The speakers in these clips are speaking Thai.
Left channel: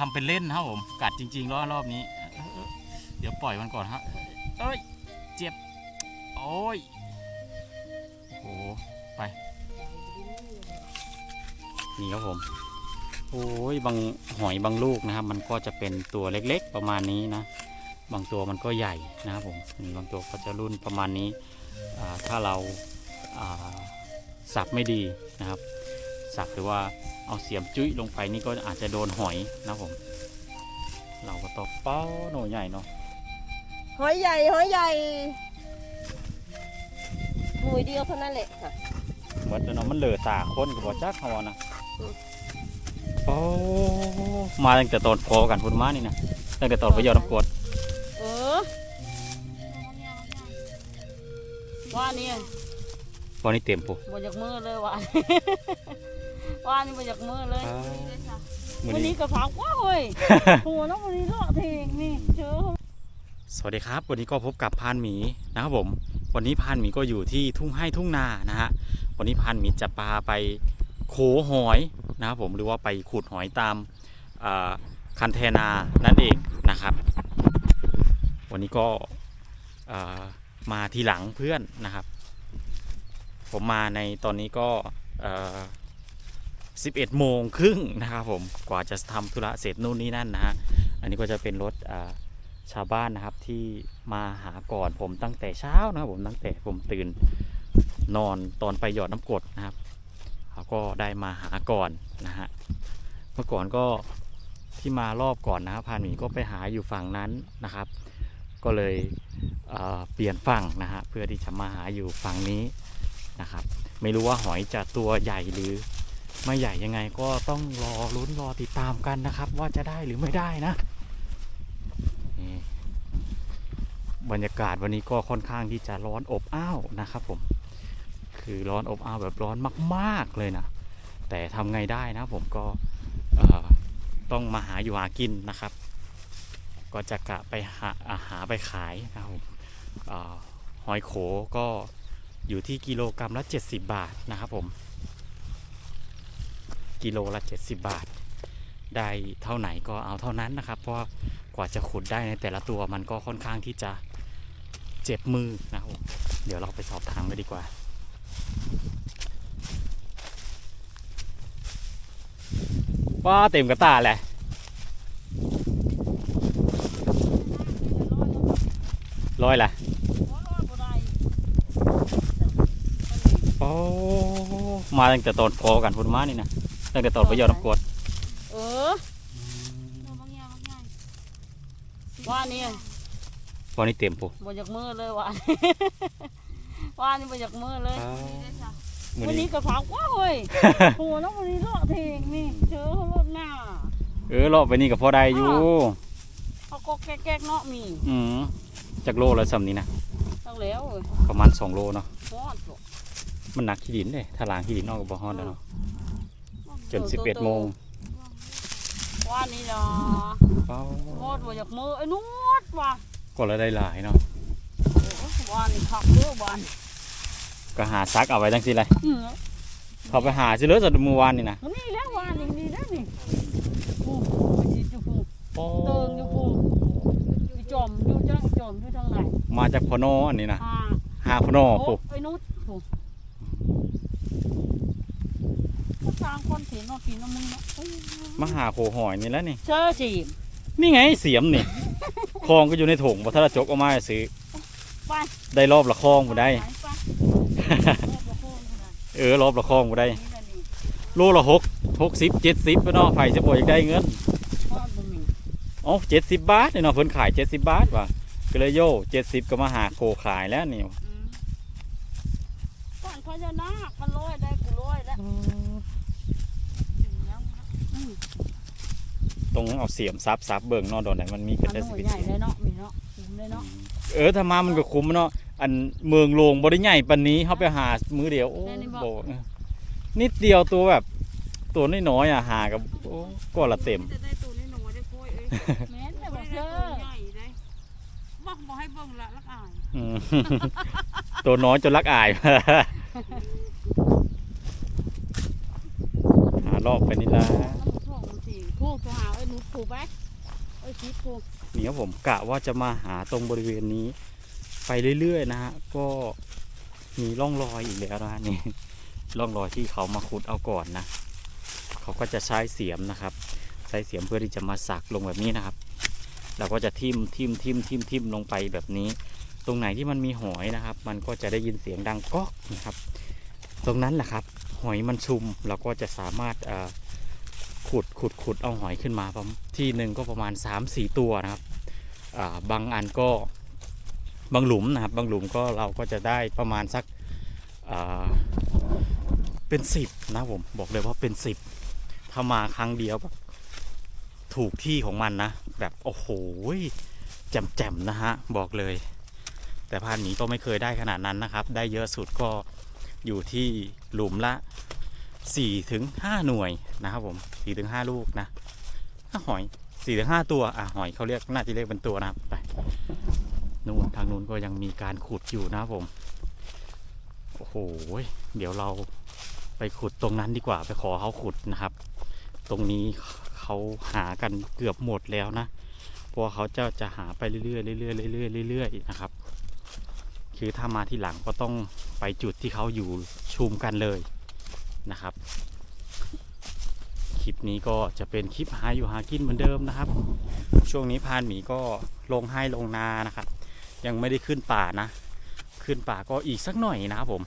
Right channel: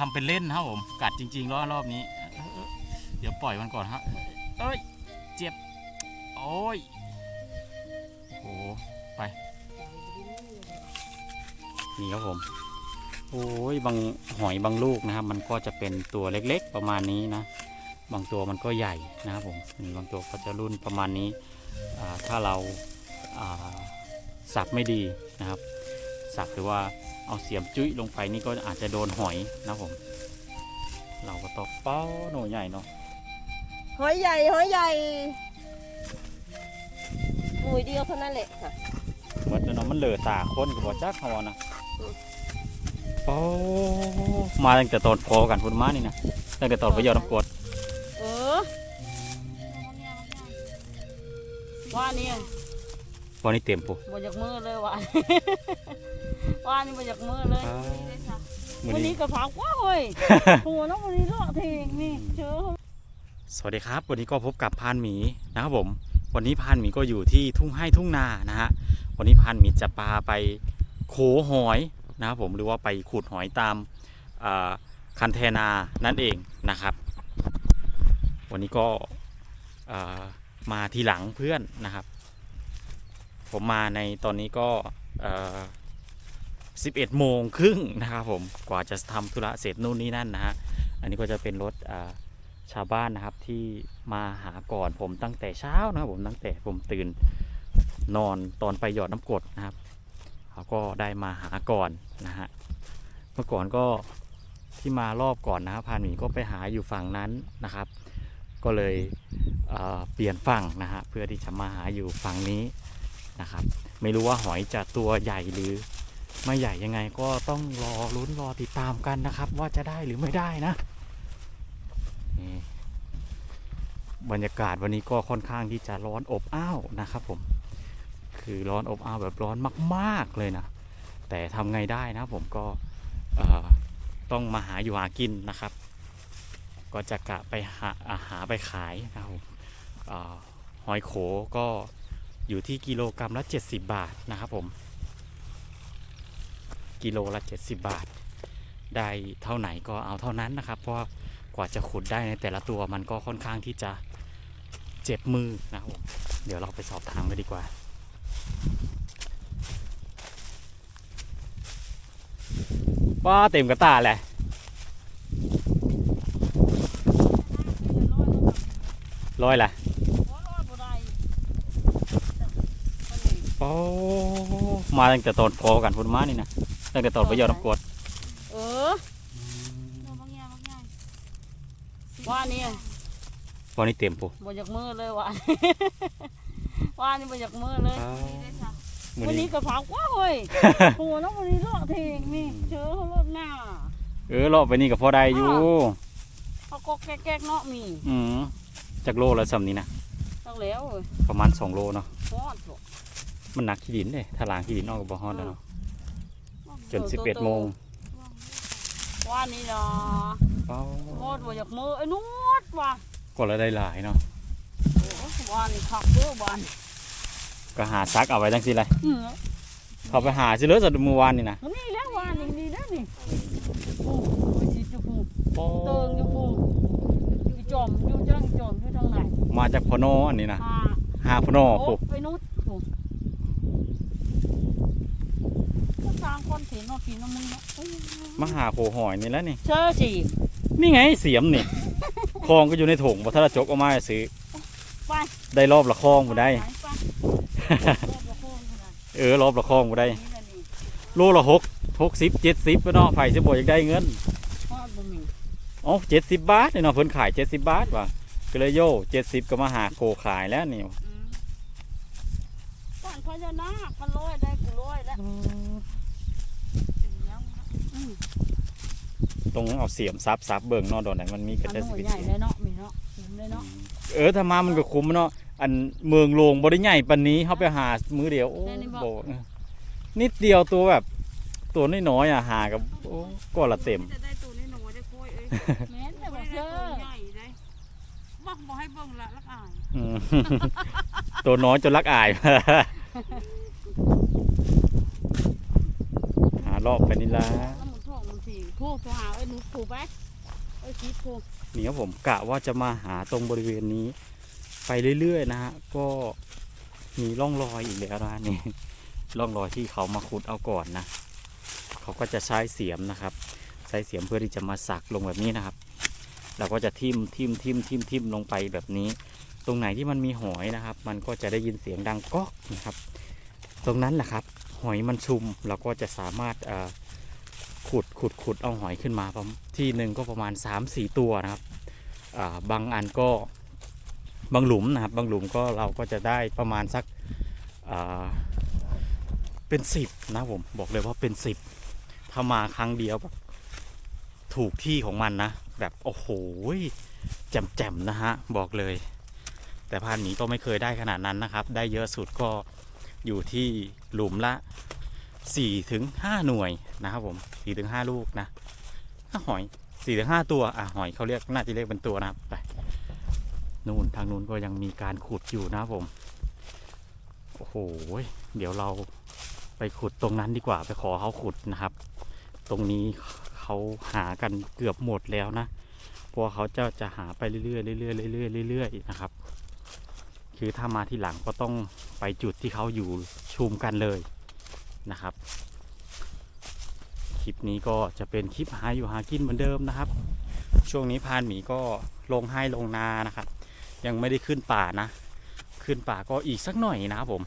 ทำเป็นเล่นนะครับผม กัดจริงๆรอบรอบนี้ เดี๋ยวปล่อยมันก่อนฮะเอ้ย เจ็บ โอ้ยโอ้โหไป นี่ครับผม โอ้ย บางหอยบางลูกนะครับ มันก็จะเป็นตัวเล็กๆประมาณนี้นะ บางตัวมันก็ใหญ่นะครับผมบางตัวก็จะรุ่นประมาณนี้ ถ้าเราสับไม่ดีนะครับ สับหรือว่าเอาเสียมจุ้ยลงไปนี่ก็อาจจะโดนหอยนะครับผม เราก็ต้องเป้าหน่อยใหญ่เนาะหอยใหญ่หอยใหญ่หน่วยเดียวเท่านั้นแหละค่ะเหมือนเนาะมันเหลือตาคนกับบ่จักเขาอะนะโอ้มาตั้งแต่ตอนพอกันพุ่นมานี่นะตั้งแต่ตอนไปยอดน้ำกรดเออว่านี่วันนี้เต็มปุ๊บ่อยากมือเลยว่า ว่านี่บ่อยากมือเลยมือวันนี้นี้กระเพราว้าเฮ้ยโหัวน้องวันนี้เลาะเทงนี่เจอสวัสดีครับ วันนี้ก็พบกับพานหมีนะครับผม วันนี้พานหมีก็อยู่ที่ทุ่งให้ทุ่งนานะฮะ วันนี้พานหมีจะพาไปโขหอยนะครับผมหรือว่าไปขุดหอยตามอ่าคันเทนานั่นเองนะครับ วันนี้ก็อ่ามาทีหลังเพื่อนนะครับ ผมมาในตอนนี้ก็เอ่อ 11 โมงครึ่งนะครับผมกว่าจะทำธุระเสร็จนู่นนี่นั่นนะฮะอันนี้ก็จะเป็นรถชาวบ้านนะครับที่มาหาก่อนผมตั้งแต่เช้านะครับผมตั้งแต่ผมตื่นนอนตอนไปหยอดน้ำกดนะครับเขาก็ได้มาหาก่อนนะฮะเมื่อก่อนก็ที่มารอบก่อนนะครับพานหมีก็ไปหาอยู่ฝั่งนั้นนะครับ ก็เลยเเปลี่ยนฝั่งนะฮะเพื่อที่จะมาหาอยู่ฝั่งนี้นะครับ ไม่รู้ว่าหอยจะตัวใหญ่หรือ ไม่ใหญ่ยังไงก็ต้องรอลุ้นรอติดตามกันนะครับ ว่าจะได้หรือไม่ได้นะนี่บรรยากาศวันนี้ก็ค่อนข้างที่จะร้อนอบอ้าวนะครับผม คือร้อนอบอ้าวแบบร้อนมากๆเลยนะ แต่ทำไงได้นะผมก็ต้องมาหาอยู่หากินนะครับ ก็จะกะไปหาอาหาไปขายนะครับหอยโขก็อยู่ที่กิโลกรรัมละ 70 บาทนะครับผม กิโลละ70 บาท ได้เท่าไหนก็เอาเท่านั้นนะครับ เพราะว่ากว่าจะขุดได้ในแต่ละตัวมันก็ค่อนข้างที่จะเจ็บมือนะครับผมเดี๋ยวเราไปสอบถามกันดีกว่าว่าเต็มกระตาแหละร้อยแหละโอ้มาตั้งแต่ตอนพอกันพุ่นมานี่นะ ตั้งแต่ตอนไปยอดน้ำกรดเออว่านี่วันนี้เต็มปุ๊บ่อยากมือเลยว่าว่านี่บ่อยากมือเลยมือวันนี้นี้กระเพราว้าเฮ้ยโหัวน้องวันนี้เลาะเทงนี่เจอเขารถหน้าเออรอบไปนี่กับพอได้อยู่เขาก็แก๊กๆเนาะมีอืมจากโลละสำนี้นะตั้งแล้วเว้ยประมาณ2โลเนาะฮอดบ่มันหนักขี้ดินเลยถ้าล้างขี้ดินออกกับบฮอดแล้วเนาะ จน11โมงว่านี่เนาะเป้าฮอดบ่อยากมือไอ้นุดว่ะก็ละได้หลายเนาะโอ้ว่านี่คักเด้อบ้านก็หาซักเอาไว้จังสิเลยอือเขาไปหาสิเลยสัตว์มือวานนี่นะนี่แหล้วว่านี่นี่แล้วนี่โอ้ยสิจุฟูเติงอยู่ฟูอยู่จอมอยู่จังจอมอยู่ทางไหนมาจากพอโนอันนี้นะอ่าหาพอโนโอ้ปุ๊บไอ้นุดฟูก็ สร้างคอนเทนต์เนาะกินน้ำมึงเนาะเอ้ยมาหาโคหอยนี่แล้วนี่ เชื่อสินี่ไงเสียมนี่ คลองก็อยู่ในถุงบ่ถ้าเราจกเออกมาให้ซื้อ ไปได้รอบละคลองบ่ได้ไปไปรอบละโค้งขนาดเออรอบละคลองบ่ได้ นี้แหละนี่โลละหกหกสิบเจ็ดสิบเนาะไผสิบ่อยากได้เงิน ทอดบะหมี่อ๋อเจ็ดสิบบาทเนี่ยเนาะเพิ่นขายเจ็ดสิบบาทว่ะก็เลยโย่เจ็ดสิบก็มาหาโคขายแล้วนี่ อืมก่อนพญานาคมันร้อยได้กูร้อยแล้วถึงแล้วนะอืม ต้องเอาเสียมซับซับเบิ่งเนาะดอนไหนมันมีกอัระนเด็นนู้สินใหญ่เลยเนาะมีเนาะคุ้มเลยเนาะเออถ้ามามันก็คุ้มเนาะอันเมืองโลงบ่ได้ใหญ่ปานนี้เฮาไปหามือเดียวโอ้บ่นิดเดียวตัวแบบ ตัวน้อยๆอะหากับโอ้ก็ละเต็ม จะได้ตัวนี้หนูได้คุยเอ้ยแม่นแต่บ่บ่ได้เชื่อตัวใหญ่ได้บอกบอกให้เบิ่งละลักอายอืมตัวน้อยจนรักอาย หารอบไปนี่ละน้ำมันท่วงมันสิ พูดตัวหาเอ้หนูผูกไปเอ้ยชีผูกนี่ครับผมกะว่าจะมาหาตรงบริเวณนี้ ไปเรื่อยๆนะฮะก็มีร่องรอยอีกแล้วนะนี่ร่องรอยที่เขามาขุดเอาก่อนนะเขาก็จะใช้เสียมนะครับ ใช้เสียมเพื่อที่จะมาสักลงแบบนี้นะครับเราก็จะทิ่มทิ่มทิ่มทิ่มทิ่มลงไปแบบนี้ ตรงไหนที่มันมีหอยนะครับ มันก็จะได้ยินเสียงดังก๊อกนะครับ ตรงนั้นแหละครับ หอยมันชุมเราก็จะสามารถ ขุดขุดขุดเอาหอยขึ้นมาที่หนึ่งก็ประมาณ 3-4 ตัวนะครับาบางอันก็บางหลุมนะครับบางหลุมก็เราก็จะได้ประมาณสักเป็นสิบนะผมบอกเลยว่าเป็นสิบถ้ามาครั้งเดียวแบบถูกที่ของมันนะ แบบโอ้โหแจ่มๆนะฮะบอกเลย แต่พานหมีก็ไม่เคยได้ขนาดนั้นนะครับ ได้เยอะสุดก็อยู่ที่หลุมละ 4ถึง5หน่วยนะครับผม4ถึง5ลูกนะถ้าหอย4ถึง5ตัวอะหอยเขาเรียกน่าจะเรียกเป็นตัวนะครับไปนู่นทางนู้นก็ยังมีการขุดอยู่นะครับผมโอ้โหเดี๋ยวเราไปขุดตรงนั้นดีกว่าไปขอเขาขุดนะครับ ตรงนี้เขาหากันเกือบหมดแล้วนะเพราะว่าเขาจะจะหาไปเรื่อยๆเรื่อยๆเรื่อยๆเรื่อยๆนะครับ คือถ้ามาที่หลังก็ต้องไปจุดที่เขาอยู่ชุมกันเลย นะครับ คลิปนี้ก็จะเป็นคลิปหาอยู่หากินเหมือนเดิมนะครับ ช่วงนี้พานหมีก็ลงให้ลงนานะครับ ยังไม่ได้ขึ้นป่านะ ขึ้นป่าก็อีกสักหน่อยนะครับผม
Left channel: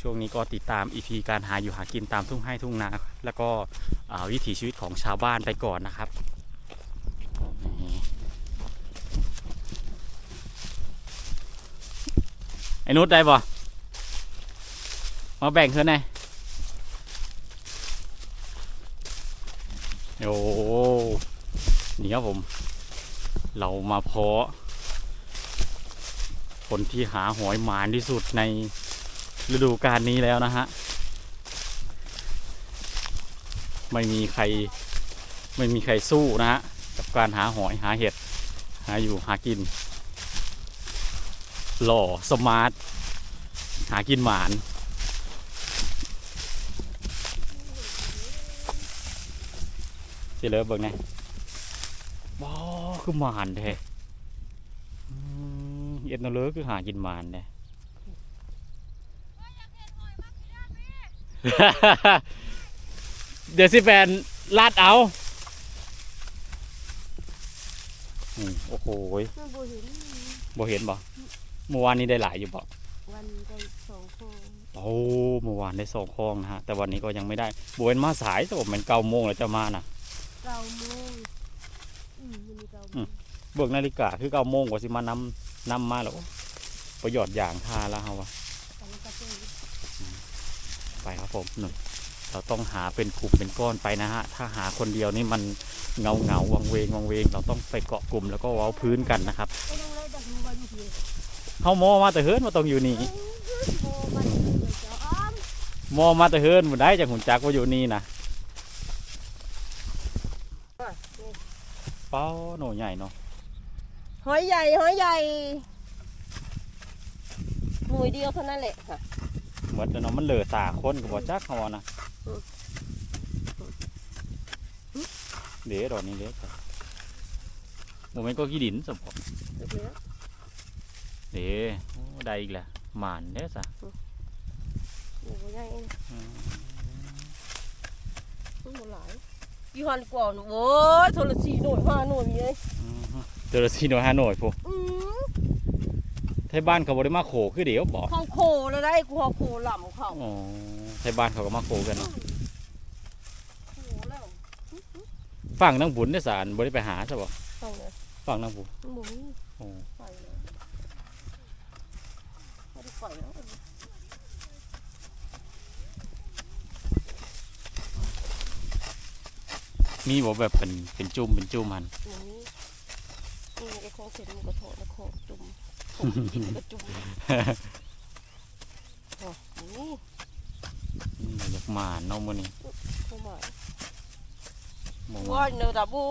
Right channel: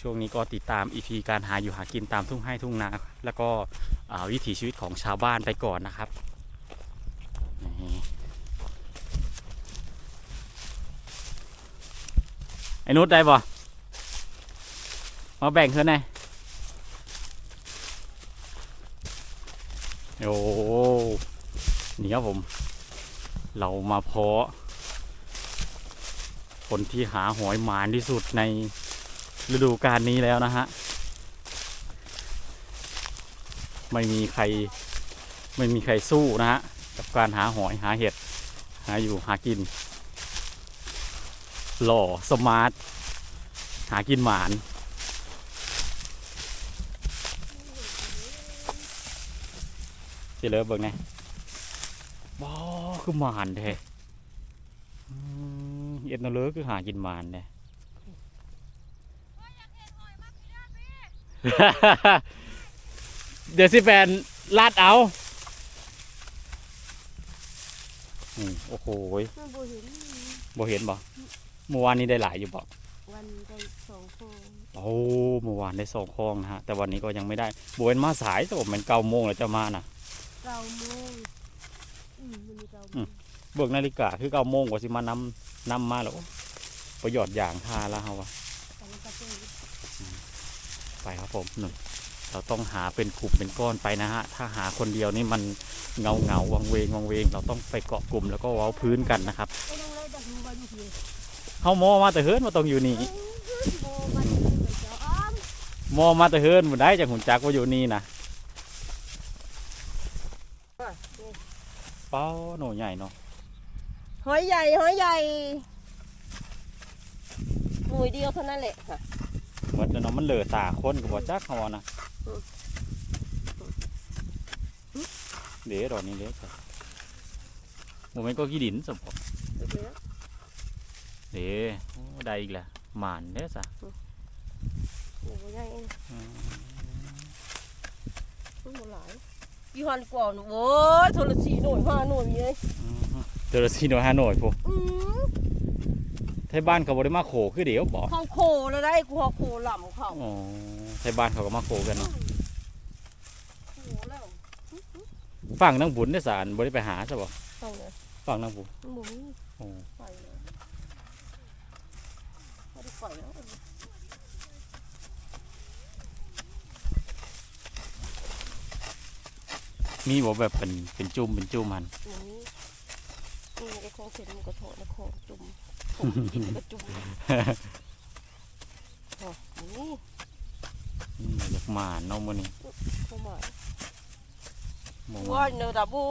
ช่วงนี้ก็ติดตามอีพีการหาอยู่หากินตามทุ่งให้ทุ่งนา แล้วก็วิถีชีวิตของชาวบ้านไปก่อนนะครับไอ้นุชได้บ่มาแบ่งเพื่อนไง โอ้นี่ครับผม เรามาเพาะ คนที่หาหอยหมานที่สุดในฤดูกาลนี้แล้วนะฮะ ไม่มีใครไม่มีใครสู้นะฮะ กับการหาหอยหาเห็ด หาอยู่หากิน หล่อสมาร์ท หากินหมาน สิเลยเบิ่งไงว้าวคือหมานแท้อืมเอ็ดนาเลอคือหากินหมานแท้เดี๋ยวสิแฟนลาดเอาอืมโอ้โหยมันบ่เห็นบ่เห็นบ่เมื่อวานนี้ได้หลายอยู่บ่วันได้สองคนโอ้เมื่อวานได้สองคลองนะฮะ แต่วันนี้ก็ยังไม่ได้บเวนมาสายแต่ผมเป็นเก้าโมงแล้วจะมานะ เก้าโมงอืมมันมีเก้าโมอืงมเบิกนาฬิกาคือเก้าโมงกว่าสิมานำนำมาแล้วประโยชน์อย่างท่าแล้วเฮาวะตอนนั้นก็เป็นไปครับผมหนึ่งเราต้องหาเป็นกลุ่มเป็นก้อนไปนะฮะ ถ้าหาคนเดียวนี่มันเงาเงาวังเวงวังเวง เราต้องไปเกาะกลุ่มแล้วก็เว้าพื้นกันนะครับไอ้น้องเลยดักดูว่าอยู่ที่เฮาโมมาแต่เฮิร์นมาต้องอยู่นี่โมมันเลยเจ้าอ้อมโมมาแต่เฮิร์นบ่ได้จากหุ่นจักว่าอยู่นี่นะ ป้าโหนใหญ่เนาะหอยใหญ่หอยใหญ่หน่วยเดียวเท่านั้นแหละค่ะเหมือนเนาะมันเหลือตาคนก็บ่จักเขาว่านะอืมเดี๋ยวดอกนี้เด้อจ้ะโมเมนต์ก็ขี้ดินสมผมเดี๋ยวเด้โอ้ได้อีกแล้วหมานเด้อจ้ะหน่วยใหญ่อืมมันหมดหลาย ยี่ห้อก่อนโว้ยโทรสีหน่วยห้าหน่วยมีเลยอืมเจอละสี่หน่วยห้าหน่วยพวกอืมไทยบ้านเขาบ่ได้มาโขคือเดี๋ยวบอกเขาโคแล้วได้กูเขาโคหล่ำเขาอ๋อไทยบ้านเขาก็มาโขกันเนาะโคแล้วฝั่งนางบุญได้อสารบ่ได้ไปหาซะบ่เอาเลยฝั่งนางบุญมันบ่มีโอ้ไปเลยไม่ได้ปล่อยแล้ว มีบ่แบบเป็นเป็นจุ่มเป็นจุ่มมันอย่างนี้นี่ไอ้ของเสร็จมันก็โถแล้วของจุ่มของกินก็จุ่มอ๋อนี่อืมอยากหมานเนาะมื้อนี้เข้ามาบ่ว่าว่าเนอะดับโอ้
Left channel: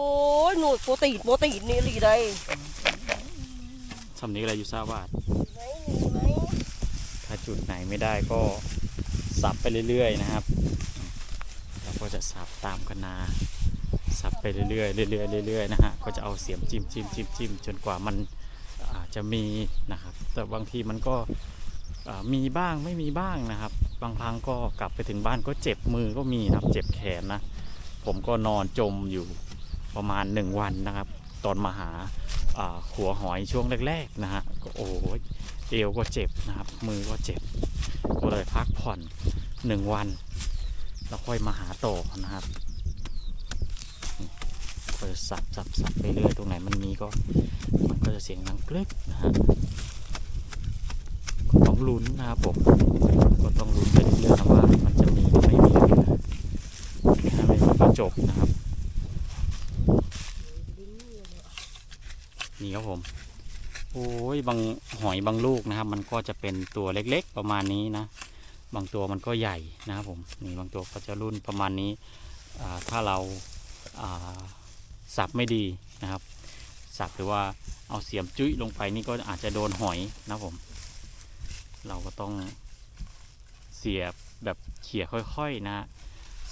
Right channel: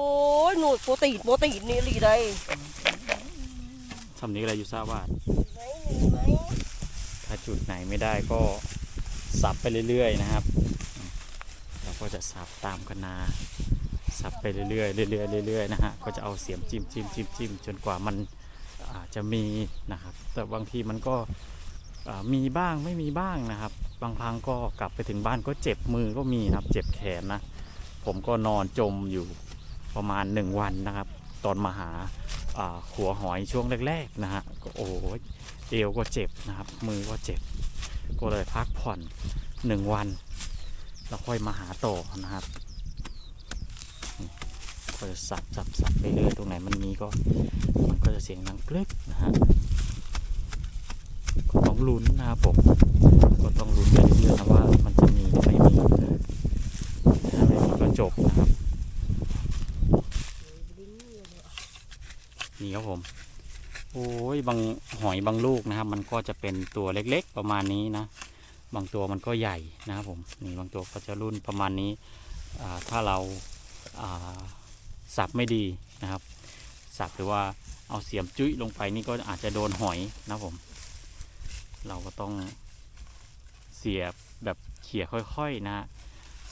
ยหนูโปรตีนโปรตีนนี่หลีได้สำนี้อะไรอยู่ทราบว่าไหนมีไหมถ้าจุดไหนไม่ได้ก็สับไปเรื่อยๆนะครับ เราก็จะสับตามกันนา สับไปเรื่อยๆเรื่อยๆเรื่อยๆนะฮะก็จะเอาเสียมจิ้มจิ้มจิ้มจิ้มจนกว่ามันอาจจะมีนะครับ แต่บางทีมันก็มีบ้างไม่มีบ้างนะครับ บางครั้งก็กลับไปถึงบ้านก็เจ็บมือก็มีนะครับ เจ็บแขนนะ ผมก็นอนจมอยู่ประมาณหนึ่งวันนะครับ ตอนมาหาอ่าขัวหอยช่วงแรกๆนะฮะก็โอ้ยเอวก็เจ็บนะครับ มือก็เจ็บ ก็เลยพักผ่อนหนึ่งวัน แล้วค่อยมาหาต่อนะครับ ก็จะสับสับสับไปเรื่อยตรงไหนมันมีก็มันก็จะเสียงดังกรึกนะฮะก็ต้องลุ้นนะครับผมก็ต้องลุ้นไปเรื่อยๆนะว่ามันจะมีหรือไม่มีนะถ้าไม่มีก็จบนะครับนี่ครับผมโอ้ยบางหอยบางลูกนะครับ มันก็จะเป็นตัวเล็กๆประมาณนี้นะ บางตัวมันก็ใหญ่นะครับผมนี่บางตัวก็จะรุ่นประมาณนี้ถ้าเราา สับไม่ดีนะครับ สับหรือว่าเอาเสียมจุ้ยลงไปนี่ก็อาจจะโดนหอยนะผม เราก็ต้องเสียบแบบเขี่ยค่อยๆนะ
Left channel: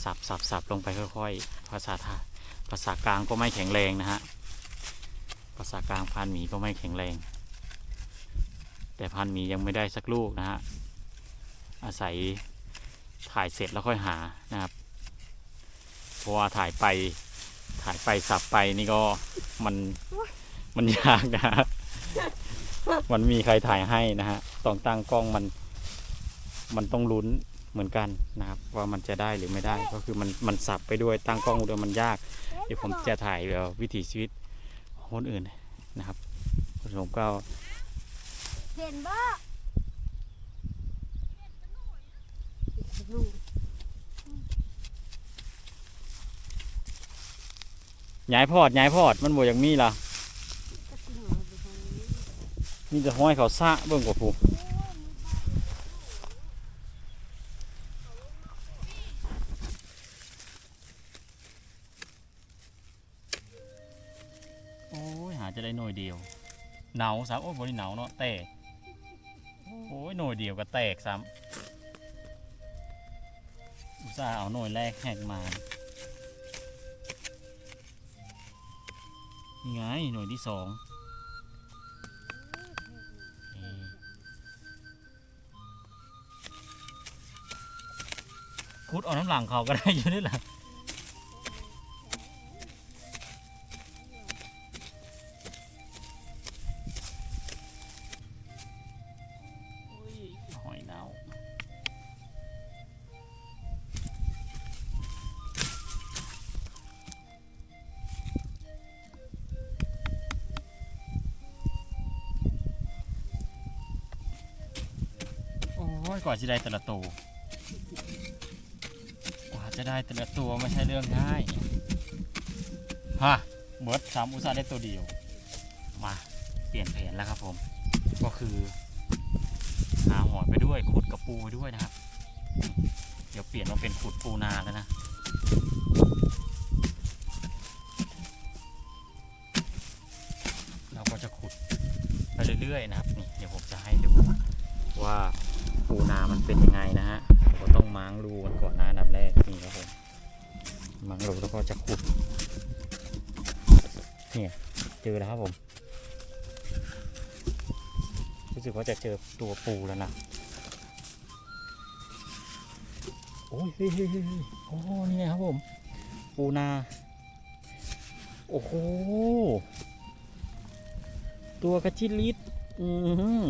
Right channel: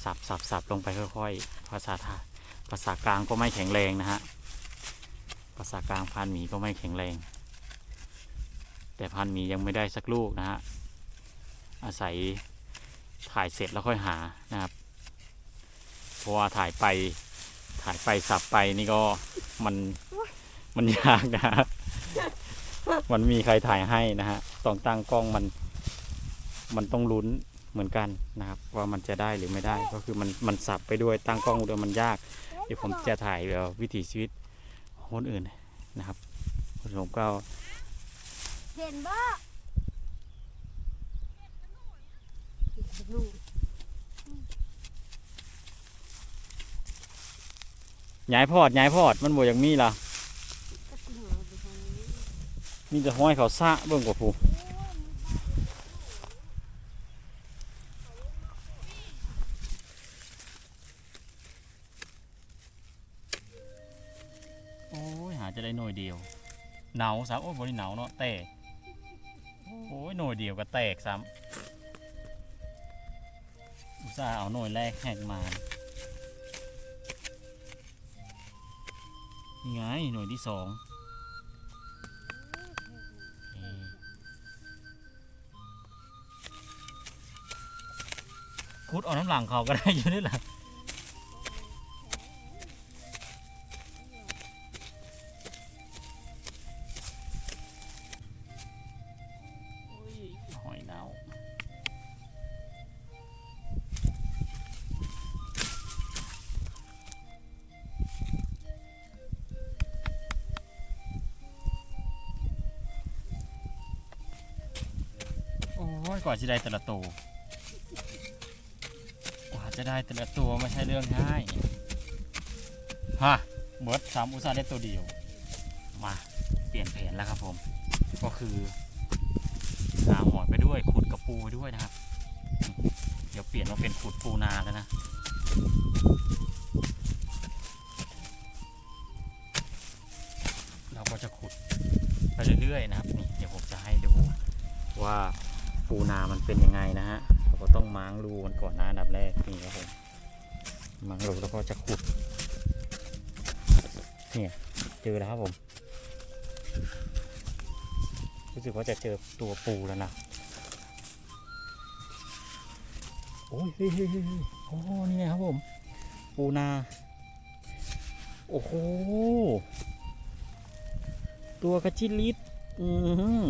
สับสับสับลงไปค่อยๆ ภาษาไทยภาษากลางก็ไม่แข็งแรงนะฮะ ภาษากลางพันหมีก็ไม่แข็งแรง แต่พันหมียังไม่ได้สักลูกนะฮะ อาศัยถ่ายเสร็จแล้วค่อยหานะครับ เพราะว่าถ่ายไป ถ่ายไปสับไปนี่ก็มันมันยากนะฮะมันมีใครถ่ายให้นะฮะต้องตั้งกล้องมัน มันต้องลุ้นเหมือนกันนะครับ ว่ามันจะได้หรือไม่ได้ ก็คือมันมันสับไปด้วยตั้งกล้องด้วยมันยาก เดี๋ยวผมจะถ่ายแบบวิถีชีวิตของคนอื่นนะครับผมก็เห็นบ่ ย้ายพอดย้ายพอดมันบ่อย่างมีล่ะมีแต่ห้อยเขาซะเบิ่งกว่าผู้โอ้ยหาจะได้หน่วยเดียวหนาวซ้ำโอ้ยบริหนาวเนาะแตกโอ้ยหน่วยเดียวก็แตกซ้ำอุตส่าห์เอาหน่วยแรกแหกมา นี่ไงหน่วยที่สองคุดเอาน้ำหลังเขาก็ได้อยู่นี่แหละ ว่าจะได้แต่ละตัวกว่าจะได้แต่ละตัวไม่ใช่เรื่องง่ายฮะเบิร์ดสามอุตสาห์ได้ตัวเดียว มาเปลี่ยนแผนแล้วครับผม ก็คือหาหอยไปด้วยขุดกระปูไปด้วยนะครับ เดี๋ยวเปลี่ยนมาเป็นขุดปูนาแล้วนะเราก็จะขุดไปเรื่อยๆนะครับนี่เดี๋ยวผมจะให้ดูว่า ปูนามันเป็นยังไงนะฮะเราก็ต้องม้างรูมันก่อนนะอันดับแรกนี่ครับผมม้างรูแล้วก็จะขุดเนี่ยเจอแล้วครับผมรู้สึกว่าจะเจอตัวปูแล้วนะโอ้ยเฮ้ยเฮ้ยเฮ้ยเฮ้ยโอ้นี่ไงครับผม ปูนา โอ้โห ตัวกระจิลิดอือหือ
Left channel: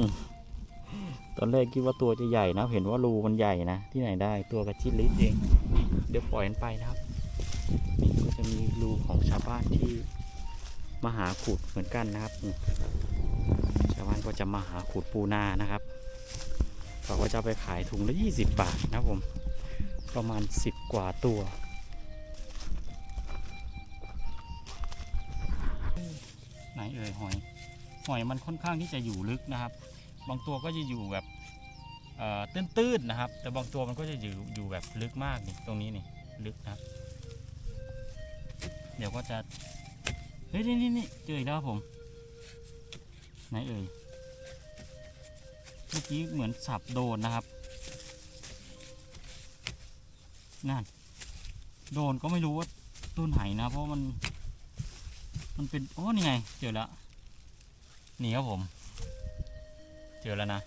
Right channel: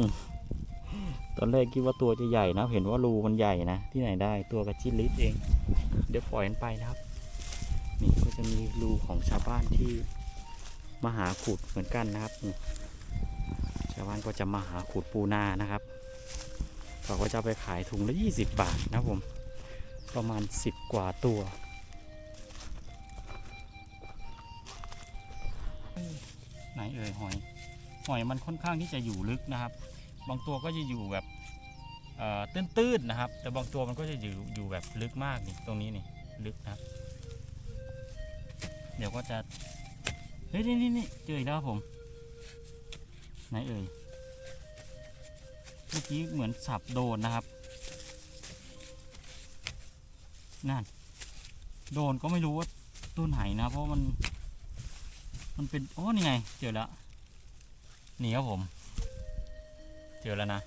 ตอนแรกคิดว่าตัวจะใหญ่นะเห็นว่ารูมันใหญ่นะ ที่ไหนได้ตัวกระจิลิดเอง เดี๋ยวปล่อยมันไปนะครับนี่ก็จะมีรูของชาวบ้านที่มาหาขุดเหมือนกันนะครับ ชาวบ้านก็จะมาหาขุดปูนานะครับเขาก็จะไปขายถุงละ 20 บาทนะผม ประมาณ 10 กว่าตัวไหนเอ่ยหอย หอยมันค่อนข้างที่จะอยู่ลึกนะครับ บางตัวก็จะอยู่แบบตื้นๆนะครับ แต่บางตัวมันก็จะอยู่อยู่แบบลึกมากนี่ตรงนี้นี่ลึกนะครับ เดี๋ยวก็จะเฮ้ยนี่นี่เจออีกแล้วครับผมไหนเอ่ยเมื่อกี้เหมือนสับโดนนะครับนั่นโดนก็ไม่รู้ว่าต้นไหนะเพราะมัน มันเป็นโอ้นี่ไงเจอแล้วนี่ครับผม เจอแล้วนะ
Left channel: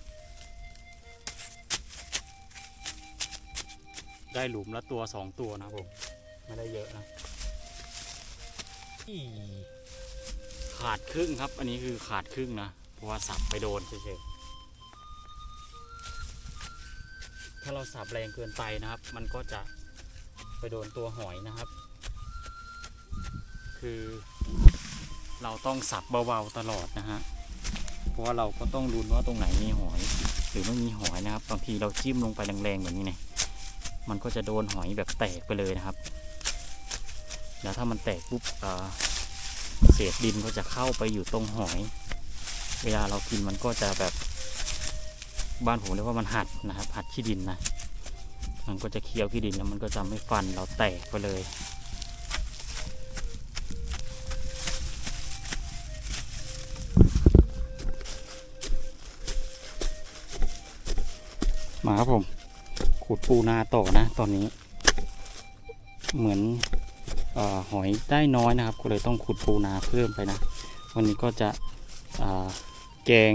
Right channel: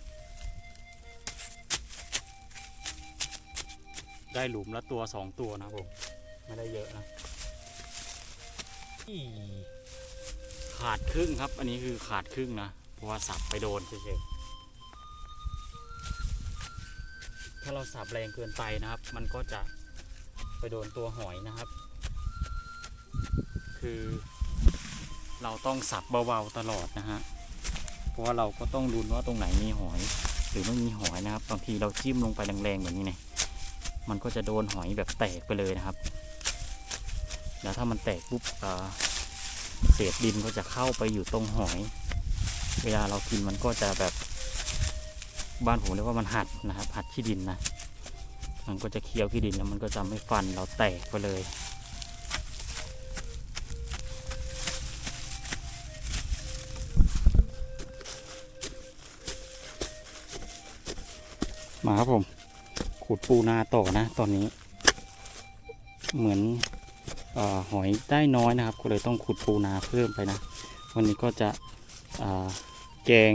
ได้หลุมละตัวสองตัวนะผม ไม่ได้เยอะนะขาดครึ่งครับ อันนี้คือขาดครึ่งนะ เพราะว่าสับไปโดนเฉยๆ ถ้าเราสับแรงเกินไปนะครับ มันก็จะไปโดนตัวหอยนะครับ คือเราต้องสับเบาๆตลอดนะฮะ เพราะว่าเราก็ต้องดูว่าตรงไหนมีหอย หรือไม่มีหอยนะครับ บางทีเราจิ้มลงไปแรงๆแบบนี้เนี่ยมันก็จะโดนหอยแบบแตกไปเลยนะครับ แล้วถ้ามันแตกปุ๊บเอ่อเศษดินก็จะเข้าไปอยู่ตรงหอย เวลาเรากินมันก็จะแบบ บ้านผมเรียกว่ามันหัดนะครับ หัดขี้ดินนะ มันก็จะเคี้ยวขี้ดินแล้วมันก็จะไม่ฟันเราแตกไปเลย มาครับผม ขุดปูนาต่อนะ ตอนนี้ เหมือนอหอยได้น้อยนะครับ ก็เลยต้องขุดปูนาเพิ่มไปนะ วันนี้ก็จะแกง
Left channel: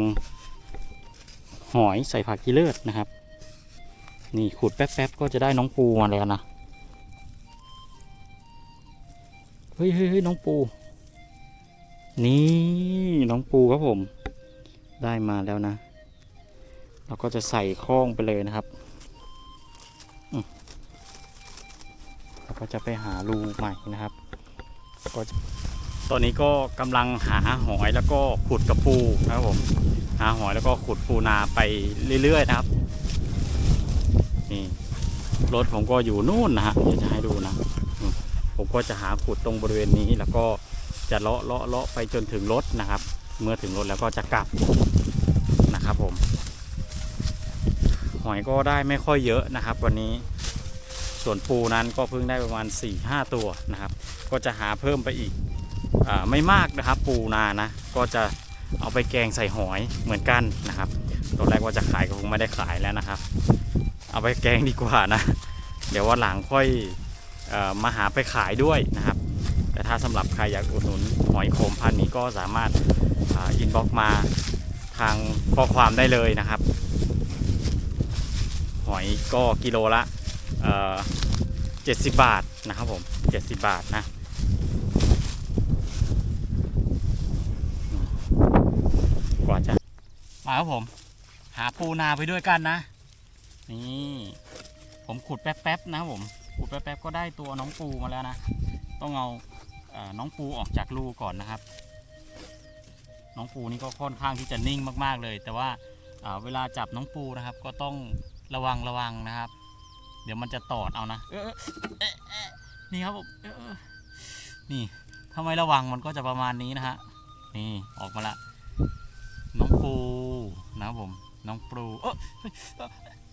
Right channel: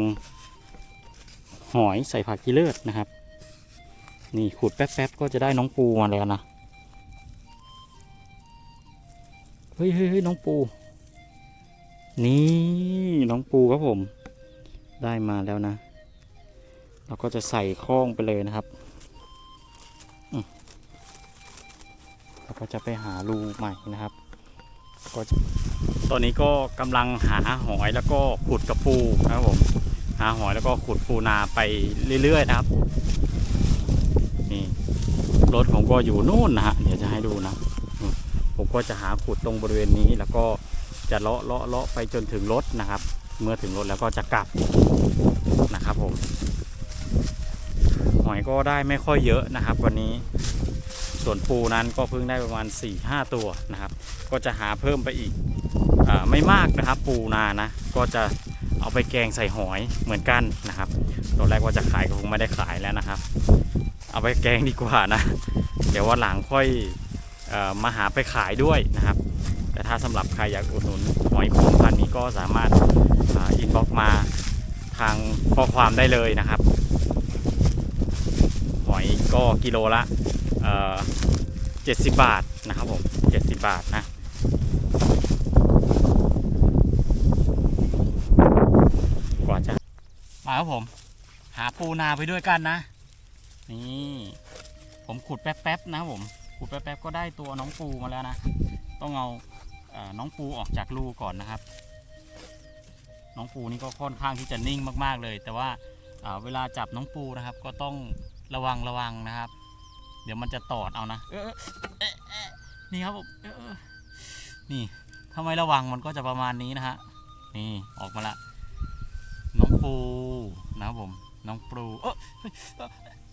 หอยใส่ผักกีเลิศนะครับ นี่ขุดแป๊บๆก็จะได้น้องปูมาแล้วนะ เฮ้ยเฮ้ยเฮ้ยน้องปู นี่น้องปูครับผม ได้มาแล้วนะ เราก็จะใส่ข้องไปเลยนะครับเราก็จะไปหารูใหม่นะครับก็ตอนนี้ก็กำลังหาหอยแล้วก็ขุดกระปูนะครับผมหาหอยแล้วก็ขุดปูนาไปเรื่อย ๆ นะครับนี่รถผมก็อยู่นู่นนะฮะเดี๋ยวจะให้ดูนะผมก็จะหาขุดตรงบริเวณนี้แล้วก็จะเลาะเลาะเลาะไปจนถึงรถนะครับ เมื่อถึงรถแล้วก็จะกลับนะครับผม อยก็ได้ไม่ค่อยเยอะนะครับ วันนี้ส่วนปูนั้นก็เพิ่งได้ประมาณ 4-5 ตัวนะครับ ก็จะหาเพิ่มไปอีกอไม่มากนะครับ ปูนานะก็จะเอาไปแกงใส่หอยเหมือนกันนะครับตอนแรกว่าจะขายก็คงไม่ได้ขายแล้วนะครับ เอาไปแกงดีกว่านะ เดี๋ยววันหลังค่อยอมาหาไปขายด้วยนะครับ แต่ถ้าสำหรับใครอยากอุดหนุนหอยโขมพันธ์นี้ก็สามารถอินบ็อกมาทางข้อความได้เลยนะครับ หอยก็กิโลละเอ่อ70บาทนะครับผม70บาทนะกว่าจะมาครับผม หาปูนาไปด้วยกันนะ นี่ผมขุดแป๊บๆนะครับผมขุดแป๊บๆก็ได้ตัวน้องปูมาแล้วนะ ต้องเอาเอน้องปูออกจากรูก่อนนะครับ น้องปูนี่ก็ค่อนข้างที่จะนิ่งมากๆเลย แต่ว่าเวลาจับน้องปูนะครับ ก็ต้อง ระวังระวังนะครับ เดี๋ยวมันจะตอดเอานะนี่ครับผมนี่ถ้าไม่ระวังมันก็จะประมาณนี้นะฮะนี่ออกมาละ น้องปูนะครับผม น้องปูเอ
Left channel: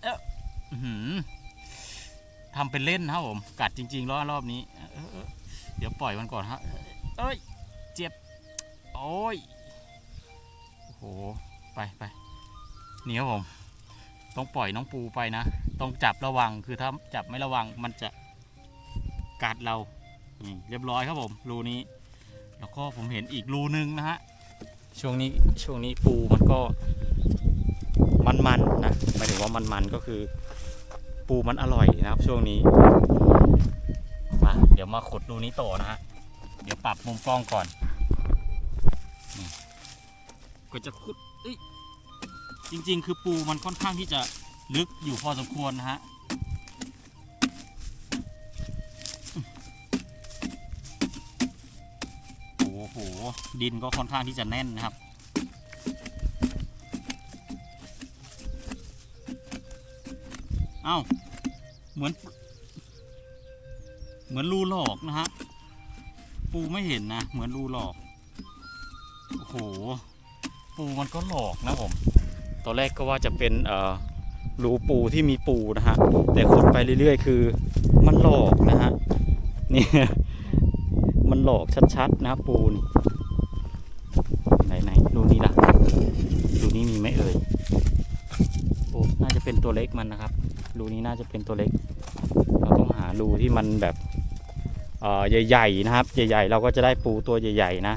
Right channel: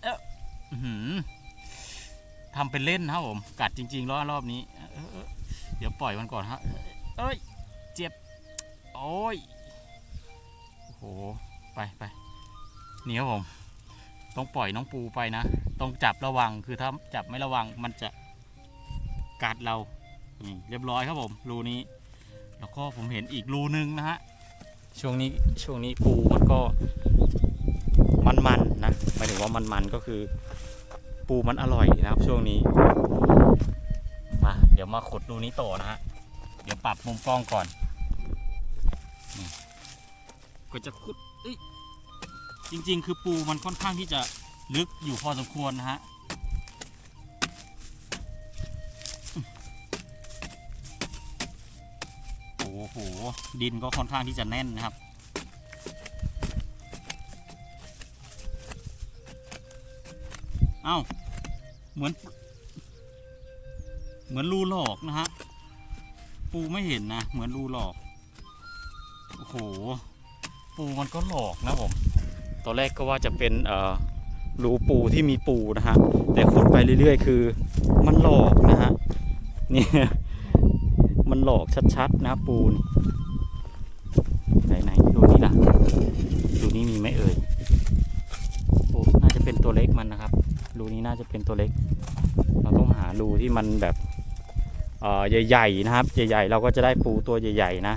อทำเป็นเล่นนะครับผม กัดจริงๆรอบรอบนี้เออเออเออเดี๋ยวปล่อยมันก่อนฮะเอ้ย เจ็บ โอ้ยโอ้โห ไปไปนี่ครับผม ต้องปล่อยน้องปูไปนะ ต้องจับระวังคือถ้าจับไม่ระวังมันจะกัดเราเรียบร้อยครับผมรูนี้ แล้วก็ผมเห็นอีกรูนึงนะฮะช่วงนี้ช่วงนี้ปูมันก็มันๆนะหมายถึงว่ามันๆก็คือ ปูมันอร่อยนะครับ ช่วงนี้มาเดี๋ยวมาขุดรูนี้ต่อนะฮะเดี๋ยวปรับมุมกล้องก่อนก็จะขุดเอ้ย จริง ๆ คือปูมันค่อนข้างที่จะลึกอยู่พอสมควรนะฮะโอ้โห ดินก็ค่อนข้างที่จะแน่นนะครับ เอ้า เหมือน เหมือนรูหลอกนะฮะ ปูไม่เห็นนะ เหมือนรูหลอก โอ้โห ปูมันก็หลอกนะผม ตอนแรกก็ว่าจะเป็นรูปูที่มีปูนะฮะ แต่ขุดไปเรื่อยๆ คือมันหลอกนะฮะ นี่ มันหลอกชัดๆนะปูนไหนไหนๆรูนี้ล่ะรูนี้มีไหมเอ่ย โอ้ น่าจะเป็นตัวเล็กมันนะครับ รูนี้น่าจะเป็นตัวเล็ก เราต้องหารูที่มันแบบใหญ่ๆนะครับ ใหญ่ๆ เราก็จะได้ปูตัวใหญ่ ๆ นะ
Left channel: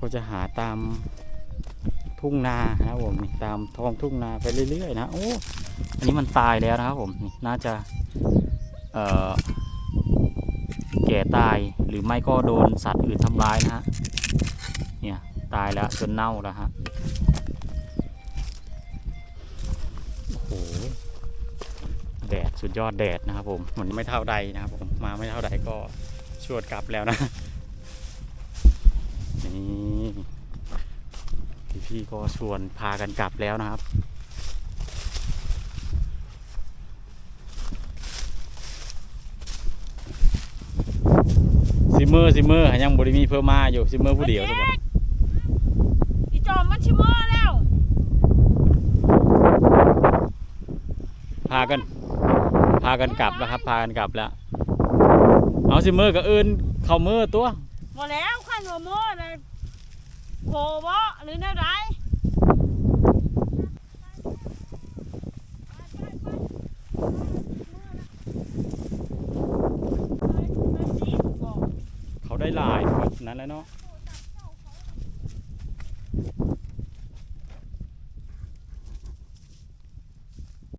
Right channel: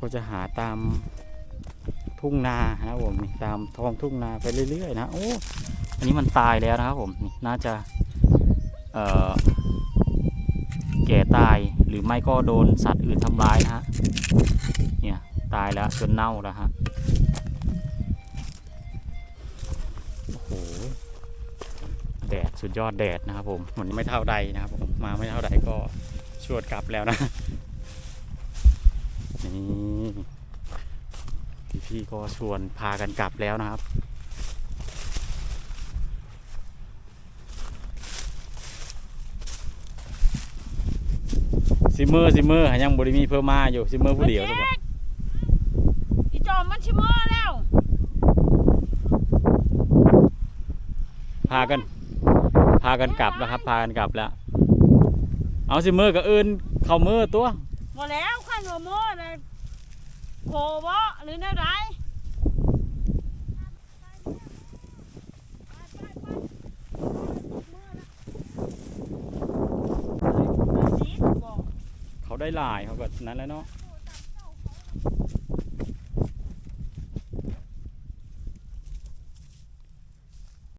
ก็จะหาตามทุ่งนานะครับผมนี่ตามท้องทุ่งนาไปเรื่อย ๆ นะโอ้อันนี้มันตายแล้วนะครับผมนี่น่าจะเอ่อแก่ตายหรือไม่ก็โดนสัตว์อื่นทำร้ายนะฮะเนี่ยตายแล้วจนเน่าแล้วฮะโอ้โหแดดสุดยอดแดดนะครับผมมันไม่เท่าใดนะครับผมมาไม่เท่าใดก็ชวดกลับแล้วนะนี่ พี่ๆก็ชวนพากันกลับแล้วนะครับ ซิมเมอร์ซิมเมอร์หายังบริมีเพิ่มมาอยู่ซิมเมอร์ผู้เดียวถูกปะอีจอมมันชิมอแล้ว พากัน พากันกลับแล้วครับ พากันกลับแล้ว เอาซิมเมอร์กับอื่นเข้ามือตัวหมดแล้วขันหัวมอเลย โผล่บ่หรือแนวใดเขาได้หลายกว่านั้นแล้วเนาะ